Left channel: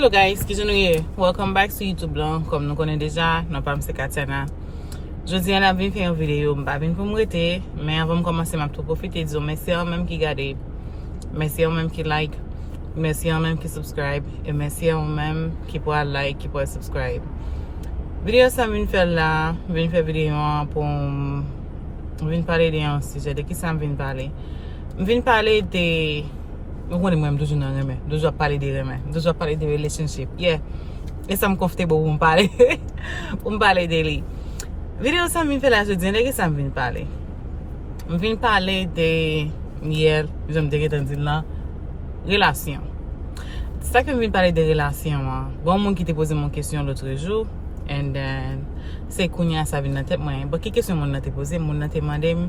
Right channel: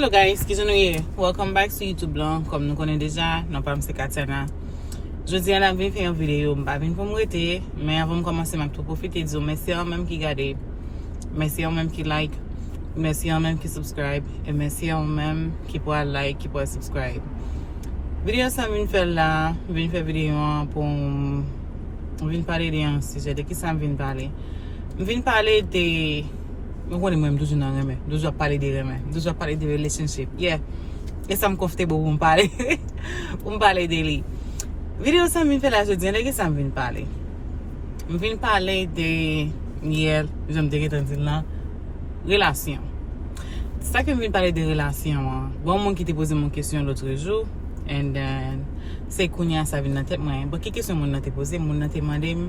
Hello guys, ki nou ye? Welcome back to YouTube lan. Kom nou konen deja, nan pa mse Katana. Jodi an ap vin fè yon video, mpa vin pou mwete, men avan m komanse map tou profite dizo, mersi an menm ki gade, mersi an menm ki like, mersi an menm ki subscribe, e mersi an menm ki po a like, ki po a subscribe. Video sa vin fè la, vin fè video an pou vin pale de yon suje, de ki sa vin pale. Vin pale de... Mwen konen mwen doujou nan reme, doujou pale de reme, doujou pale de relationship. Yeah, e sa m comfortable pou m pale, pou m pale de li. Video sa m vin fè la jodi, de ki sa m vin pale? M vin pale de yel, jom de ketan din la, relasyon. Sa ke m vin pale de relasyon, bon moun ki te pose moun kesyon l'otre jou, and then, se kounya sa vin nan tep mwen, ki kesyon moun nan te pose, moun nan te mandem,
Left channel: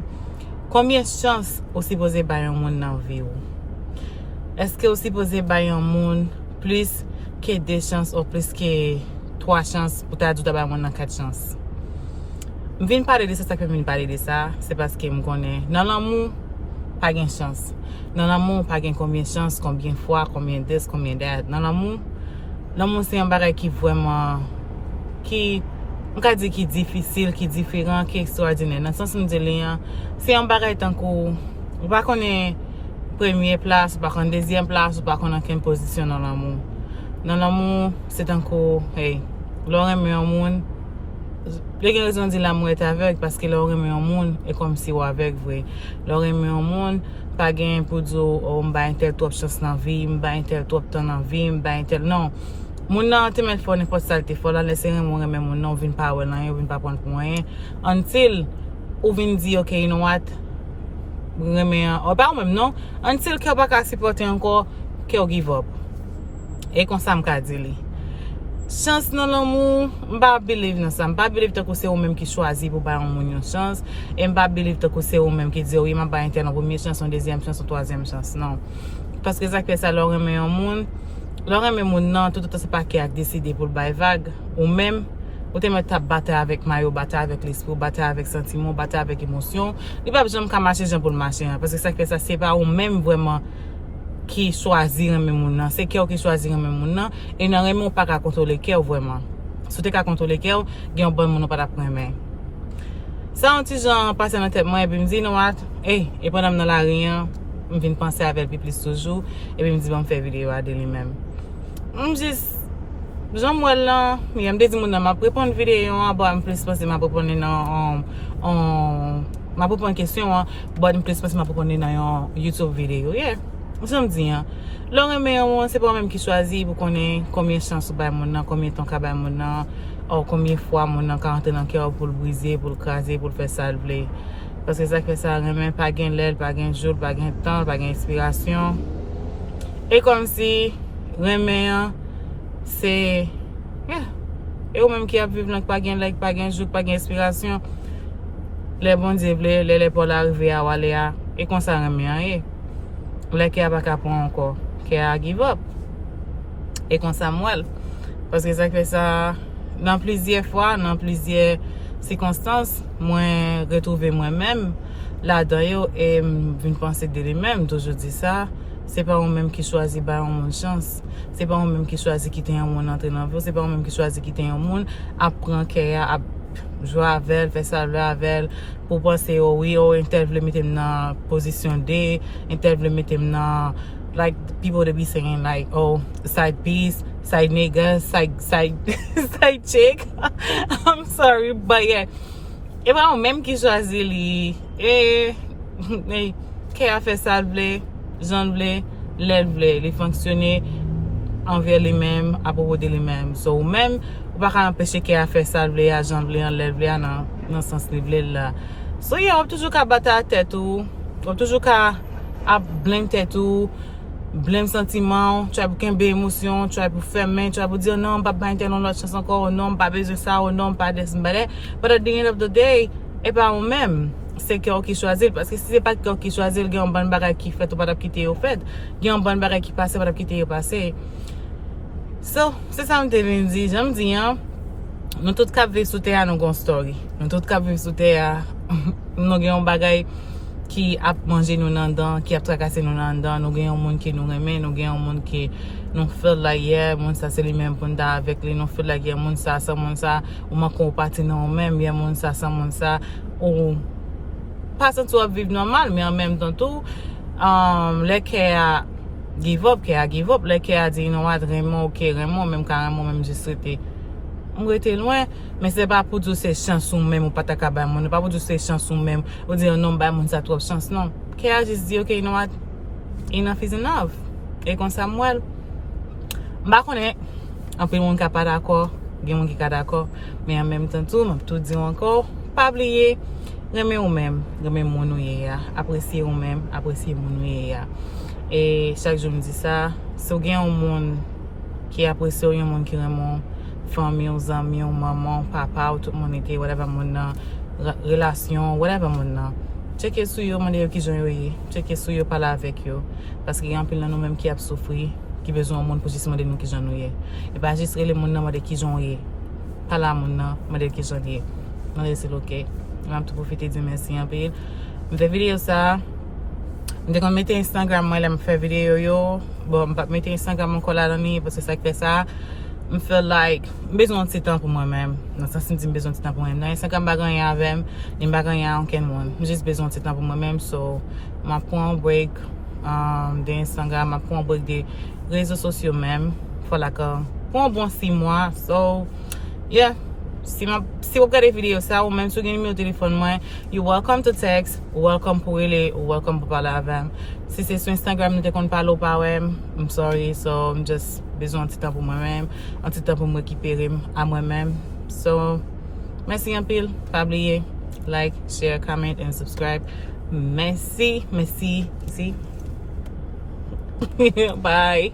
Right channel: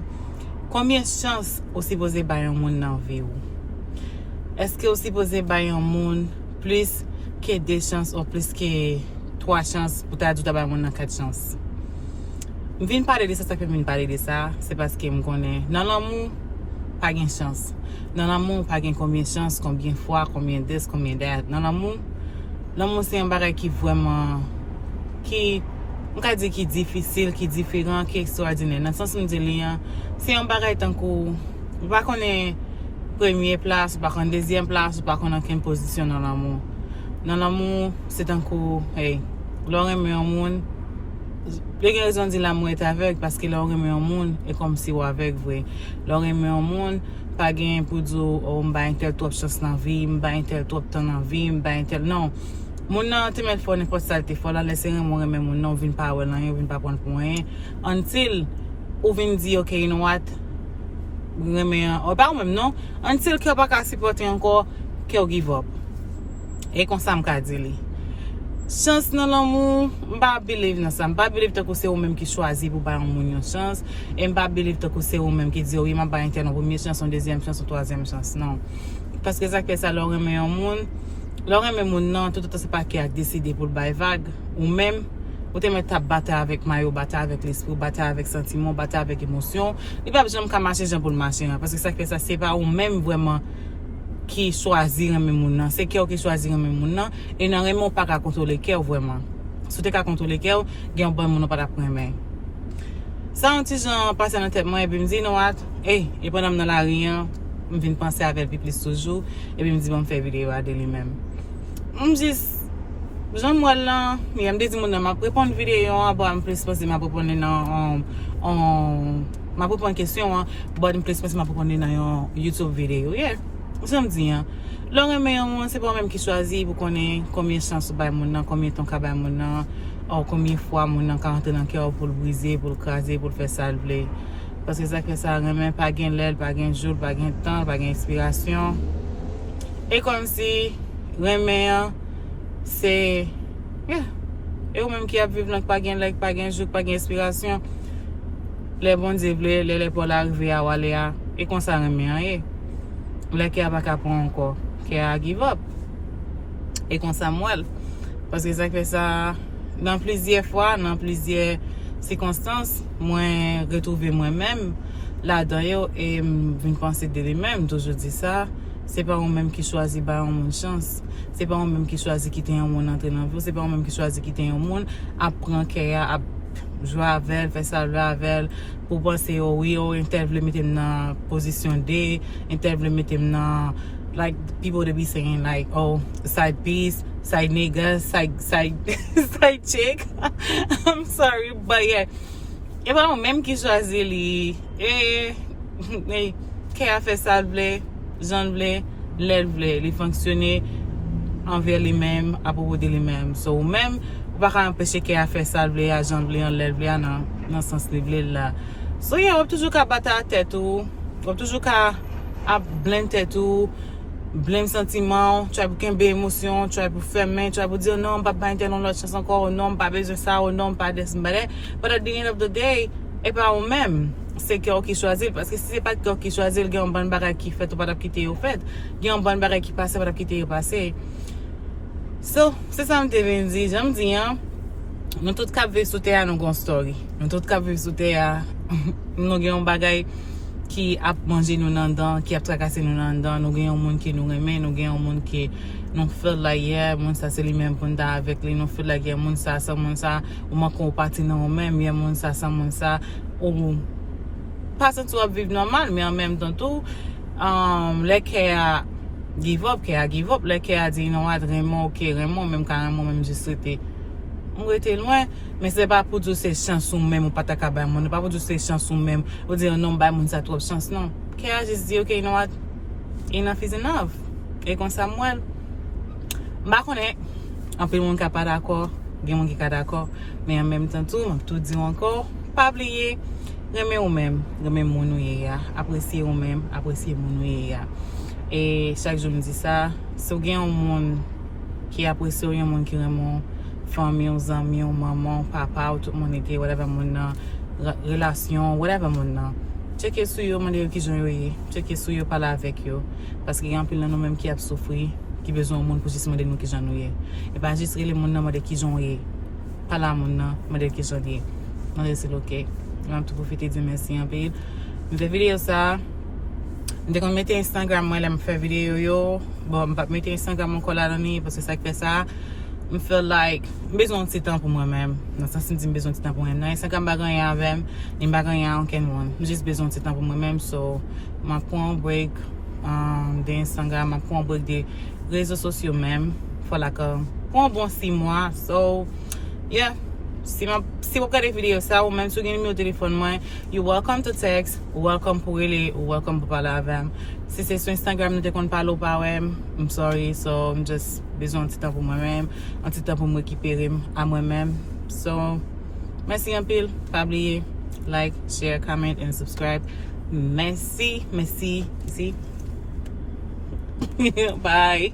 kombien chans osi pose bayan moun nan vi ou? Eske ou si pose bay yon moun plus ke 2 chans ou plus ke 3 chans pou ta djouta bay moun nan 4 chans? M vin pale de sa, sa ke m vin pale de sa, se paske m konen nan l'amou pa gen chans. Nan l'amou pa gen kombien chans, kombien fwa, kombien des, kombien dat. Nan l'amou se yon bagay ki vweman, ki, m ka di ki difisil, ki diferent, ki ekstraordinè. Nan sens m di li yon, se yon bagay tankou, ou pa konen premier place, ou pa kon deuxième place, ou pa kon anken posisyon nan l'amou. Nan l'amou, se tankou, hey, lò reme yon moun, le gen rezon di l'amou et avek, paske lò reme yon moun, e kom si ou avek vwe. Lò reme yon moun, pa gen pou dzo, ou mba entel top chans nan vi, mba entel top tan nan vi, mba entel, non. Moun nan te met fò nipot salte fò, lan lese remon reme moun nan, ou vin pa wè nan yon, ou vin pa pon pou mwen, until, ou vin di, ok, you know what, ou pa ou mèm non, until ke ou pa ka supporte anko, ke ou give up. E kon sa m ka di li. Chans nan l'amou, mba believe nan sa. Mba believe te ko se ou mèm ki chwazi pou bayan moun yon chans. E mba believe te ko se ou mèm ki di ou yon bayan ten an premier chans, an deuxième chans, an troisième chans. Non. Paske zak pe sa lor reme yon moun. Lor reme moun nan, tout se pa ki a deside pou l'bay vague. Ou mèm, ou te met tap bata avèk mayo, bata avèk l'esprit, bata avèk sentiment, bata avèk emosyon. Li pa jom ka mache jen pou l'mache. Paske sa ke sa se pa ou mèm vwèman ki chwazi reme moun nan. Se kè ou ki chwazi reme moun nan, e nan reme ou pa ka kontrole kè ou vwèman. Sou te ka kontrole kè ou, gen ou bon moun ou pa ta preme. Sa an ti jan pase nan tep mwen, e bi mdi, nou at, e pwèdam nan la riyan, m vin panse avèl pi plis toujou, e bi mdi bon fè video ade li mèm. M jis, jan mwen lan, m de di moun nan ma prepon video an, bo m plis panse ma prepon nan ma prepon kesyon an, bo m plis panse ma prepon nan yon YouTube video, yeah. Jom di an, lò reme yon moun, se pa mèm ki chwazi pou konen kombien chans ou bay moun nan, kombien ton ka bay moun nan, ou kombien fwa moun nan ka rentre nan kè ou pou l'brize, pou l'kraze, pou l'fè salve. Paske sa ke sa reme, pa gen lèl, pa gen joul, pa gen tan, pa gen inspirasyon. E kom si, reme yon, se, yeah, e ou mèm ki ap viv lank pa gen lèl, pa gen joul, pa gen inspirasyon, lè bon di vle, lè pou l'arrive a wale a, e kon sa reme yon, e. Lè ki a pa kapon anko, ki a give up. E kon sa mwel. Paske sa ke sa, nan plizye fwa, nan plizye sikonstans, mwen retrouve mwen mèm, la dayo, e vin panse de li mèm, toujou di sa, se pa ou mèm ki chwazi bayan moun chans, se pa ou mèm ki chwazi kite yon moun entre nan vò, se pa ou mèm ki chwazi kite yon moun, ap pran kè ap jwa avel, fè salve avel, pou panse yo, entel vle metem nan posisyon D, entel vle metem nan, like, people they be saying, like, oh, side piece, side nigga, side chick. I'm sorry, but yeah. E pa ou menm ki chwazi li, ke a fè sal vle, jan vle, lèl vle, li fonksyone anver li menm, apopo de li menm. So ou menm, ou pa ka empèche ke a fè sal vle, a jan vle, an lèl vle, nan sens li vle la. So yeah, wap toujou ka bata a tèt ou, wap toujou ka ap blem tèt ou, blem sentiman, try pou kenbe emosyon, try pou fèmen, try pou dir non, pa bayin tel non lot chans ankor, ou non, pa beze sa, ou non, pa des mbade. But at the end of the day, e pa ou mèm, se kè ou ki chwazil, paske si se pa kè ou ki chwazil, gen yon ban bagay ki fèt ou pat ap kite yo fèt, gen yon ban bagay ki pase pat ap kite yo pase. So, se sa mte ven di, jam di an, nou tout kap viv sou te a nou gon story. Nou tout kap viv sou te a, nou gen yon bagay ki ap manje nou nan dan, ki ap trakase nou nan dan, nou gen yon moun ki nou reme, nou gen yon moun ki non feel like yeah, moun sa se li men pou nda avek li, non feel like yeah, moun sa, ou man kon pati nan ou men, yeah, moun sa, ou pasan tou ap viv normal, mais en même temps tout, le ke a give up, le ke a di, you know what, Raymond, ok, Raymond, même carrément, même juste rete, on rete loin, mais c'est pas pour dire c'est chance ou même, ou pas ta kabay moun, pas pour dire c'est chance ou même, ou dire non, bay moun sa trop chance, non. Ke a juste di, ok, you know what, enough is enough. Et kon Samuel, mba konen, anpil moun ka pa d'akor, gen moun ki ka d'akor, mais en même temps tout, m'ap tout di encore, pa oublier, reme ou même, reme moun ou ye ya, apresye ou même, apresye moun ou ye ya. Et chaque jour me dit ça, si ou gen un moun qui apresye ou yon moun ki remon, famille, ou zami, ou maman, papa, ou tout moun ete, whatever moun nan, relasyon, whatever moun nan. Cheke sou yo, mande yo ki jon yo ye, cheke sou yo pala avek yo, paske gen pil nan nou menm ki ap soufri, ki bezon moun pou jist mande nou ki jon nou ye. E pa jist rele moun nan mande ki jon ye, pala moun nan mande ki jon ye. Mande se loke, mwen tout profite di mersi an pil. Mwen fe video sa, mwen kon mette Instagram mwen la mwen fe video yo, bon mwen mette Instagram mwen kola dani, pwese sa ki fe sa, mwen feel like, bezon ti tan pou mwen men, nan sensin di bezon ti tan pou mwen. Nan Instagram bagan yan avem, din bagan yan anken moun. Mwen jist bezon ti tan pou mwen men, so mwen pon break de Instagram, mwen pon break de rezo sosyo men, fwa la ka, pon bon 6 mwa, so, yeah. Si wap gade video sa, ou men sou gen mi ou telefon mwen, you welcome to text, ou welcome pou rele, ou welcome pou pala avem. Si se sou Instagram nou te kon palo pa wem, I'm sorry, so m just bezon an titan pou mwen men, an titan pou m rekipere a mwen men. So, mersi an pil, pa bliye, like, share, comment, and subscribe. Mersi, mersi, bye.